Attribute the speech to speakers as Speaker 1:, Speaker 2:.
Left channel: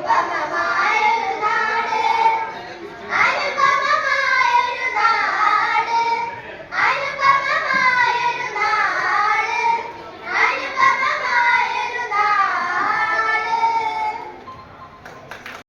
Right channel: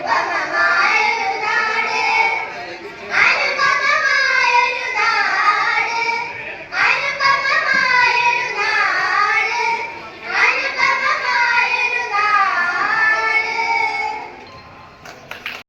Speaker 1: 爸爸妈妈。